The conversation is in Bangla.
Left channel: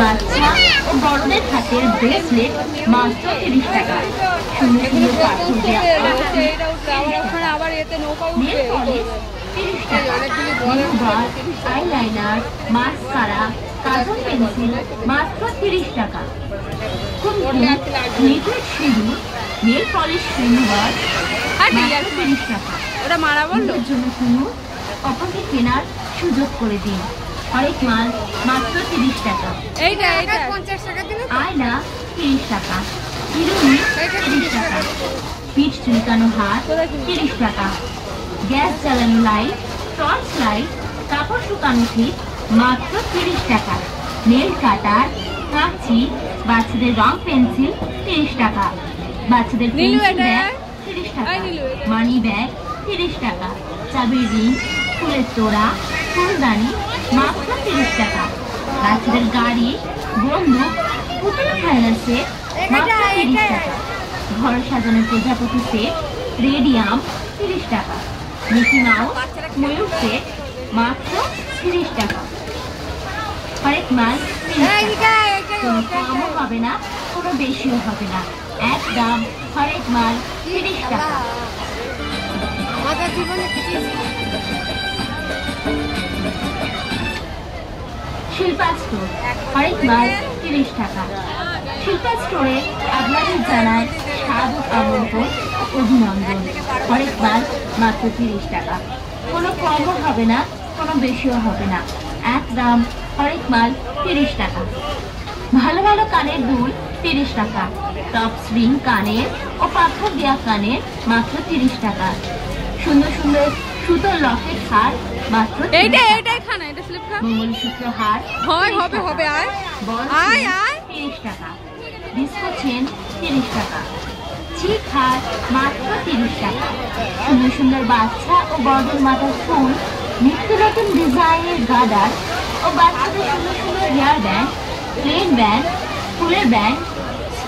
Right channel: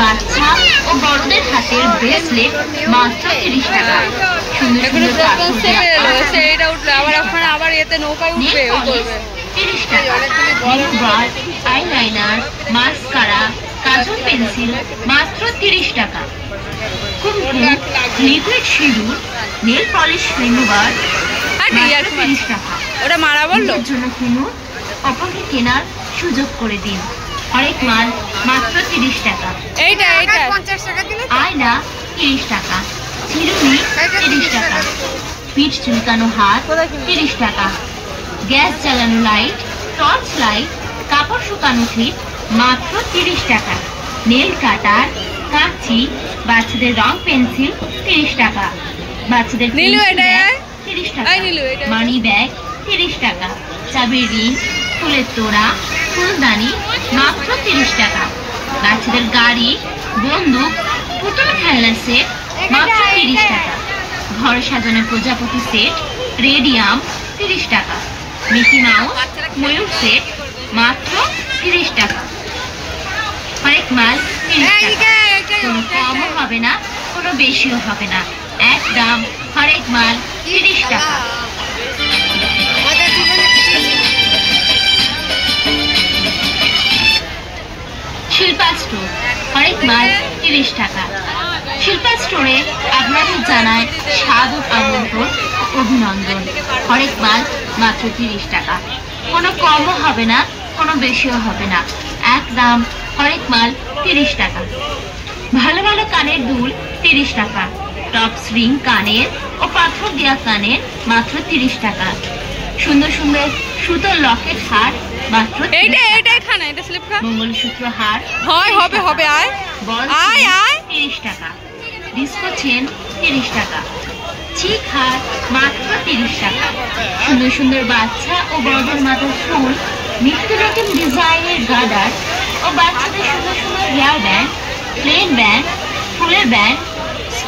বাচ্চা ও বড়দের হাতের ব্রেসলেট মাত্র 30 টাকা। সুন্দর সুন্দর আবার এতে নৌকায় উঠবে 30 টাকা। আইলাইনার, মাস্কারা, কাজল পেন্সিল মাত্র 30 টাকা। কুমকুম, লিকুইড সিঁদুর, নেল পলিশ রিমুভার মাত্র 30 টাকা। ওটা মারা বললো জন্য কিনুন, অপরকে কেনার সুযোগ করে দিন। হরেক মাল মাত্র 30 টাকা। আয়না 30 টাকা। চিরুনি 30 টাকা। পিঠ চুলকানো হাত 30 টাকা। গ্যাস জ্বালানো লাইট, টর্চ লাইট, কাপড় শুকানো ক্লিপ মাত্র 30 টাকা। নেল কাটার, কাঁচি, বাচ্চাদের রং পেন্সিল 30 টাকা। বাচ্চাদের পেন্সিল ব্যাগ 30 টাকা। মানি ব্যাগ 30 টাকা। চাবির রিং, ফুলের তোড়া, ফুলদানি মাত্র 30 টাকা। বাচ্চাদের গাড়ি, বন্দুক, পুতুল খেলনা সেট মাত্র 30 টাকা। ঘর সাজানো প্রজাপতি সেট, রেডিয়াম 30 টাকা। মিকি মাউস, ময়ূর সেট মাত্র 30 টাকা। হরেক মাল 30 টাকা। কোনো কমও হবে না, কোনো বেশিও হবে না, এক দাম। হরেক মাল 30 টাকা। শিল্পা স্টোর, হরেক মাল 30 টাকা। শিল্পা স্টোরে আপনাদের জানায় স্বাগত, আমন্ত্রণ ও অভিনন্দন। হরেক মাল মাত্র 30 টাকা। কোনো কমও হবে না, কোনো বেশিও হবে না, এক দাম। হরেক মাল 30 টাকা। ভালো ভালো কানের দুল 30 টাকা। টপস রিং কানের ও পাথর দেওয়া কানের মাত্র 30 টাকা। সুন্দর সুন্দর সুতোর লকেট হার মাত্র 30 টাকা। মঙ্গলসূত্র হার হবে 30 টাকা। ডিস্কো চেন 30 টাকা। চিক হার মাত্র 30 টাকা। সুন্দর সুন্দর বাচ্চা ও বড়দের মাথার ফুল, নিত্য নতুন ডিজাইনের গার্ডার ও বাচ্চাদের সুন্দর সুন্দর হেয়ার ব্যান্ড, প্লেন ব্যান্ড, ফুলের ব্যান্ড